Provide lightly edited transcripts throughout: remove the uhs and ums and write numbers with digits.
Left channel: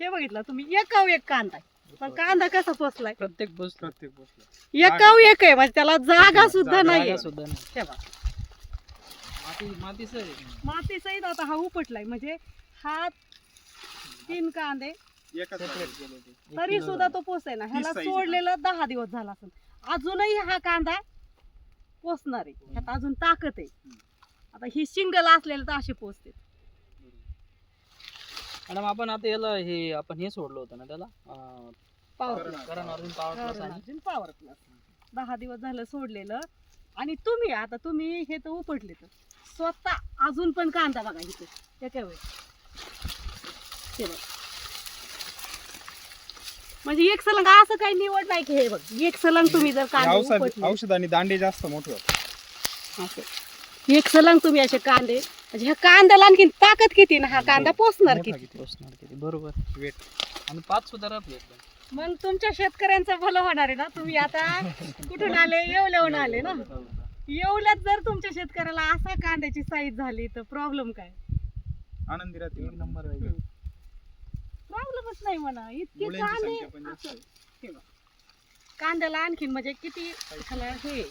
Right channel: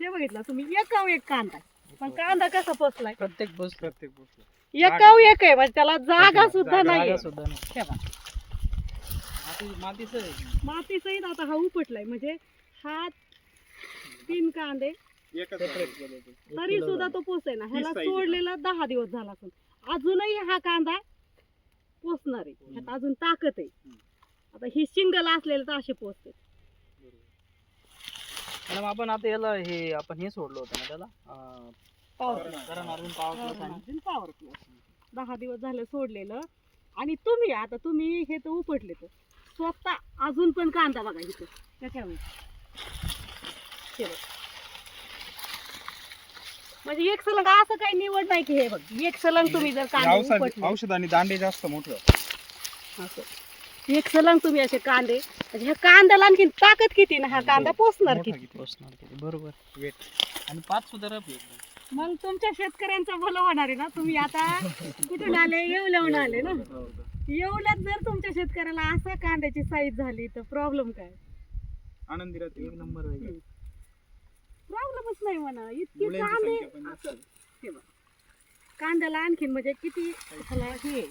हे बघितलं तुम्ही एकाव एक कांदा, पण कांदा कसा पोचलाय प्रत्येक पोस्ट एकाव एक आहे, म्हणजे त्याला जागा सुद्धा नाही. सुद्धा नाही. माती सर माती सहित आता हा उपटलाय, म्हणजे हा 3 कांदे तरी सुद्धा तो पोचे ना. ह्याला सोडलेला 10 दिवस झाला असून अजूनही हा कांदा पोचणार आहे. ह्यात अजून ताकद आहे. आता ही सिंगल असलेलं तर असे पोचते. मॅडम आपण आता याला हे आपण हे सोडलं होतं ना त्याला पॉवर प्लस 10 दिवस झालं सोडलेलं. आणि तुम्ही हे तर उपटले तर स्वतः अजून पण कांदा बघा इथे त्याच्यावर. म्हणजे एक सलंग असं काही निवड नाही की हे बघ एक सलंग तुम्ही जर कांदे उपटले, औषध आणि दांडे जास्त मोठे असं एक सलंग तुम्ही असे कांदे, म्हणजे ह्या कांद्याला आणखी ताकद किती ना, हा कांदा पोचणार किती. बरोबर वेट आणि 5 सुद्धा रफ एकदम. मग तुमच्या शेतकऱ्यांचं भलं होणार आहे ना. तुम्ही आता कुठून आले, येवल्याहून आले ना. येवल्यात जर तुमच्या शेतकऱ्याला असा कांद्याची साईज झाली तर प्रॉब्लेम काय? आनंदी राहते. एक नंबर प्रॉब्लेमच नाही म्हणा. इतके कांदे असं हे बघ. कांद्याला आणखीन म्हणजे किती ह्याला हे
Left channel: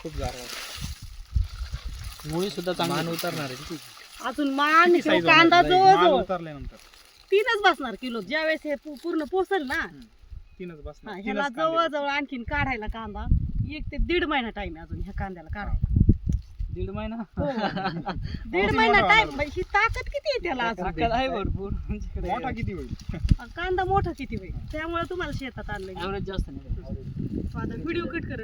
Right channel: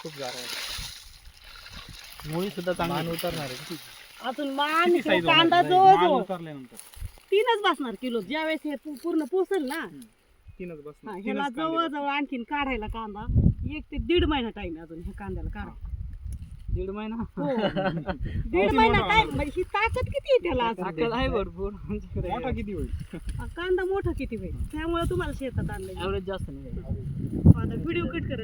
खूप गारा मुळी सुद्धा चांगली उतरणार आहे. अजून मान कांदा जवळजवळ उतरल्यानंतर 3च बसणार किलो. ज्यावेळेस हे पूर्ण पोचेल ना, 3च बसणार. ह्याला जवळजवळ आणखीन काढायला कांदा 1 ते 1.5 महिना टाइम आहे अजून ह्या कांद्याला काढायला. 1.5 महिना 1.5 महिना टाइम. म्हणजे ही ताकद किती आहे त्याला अजून? ताकद आहे भरपूर. मोठा किती होईल? कांदा मोठा किती होईल, त्यामुळे तुम्हाला शेतात आणलं. ॲव्हरेज जास्त नाही. व्हिडिओ कट कर.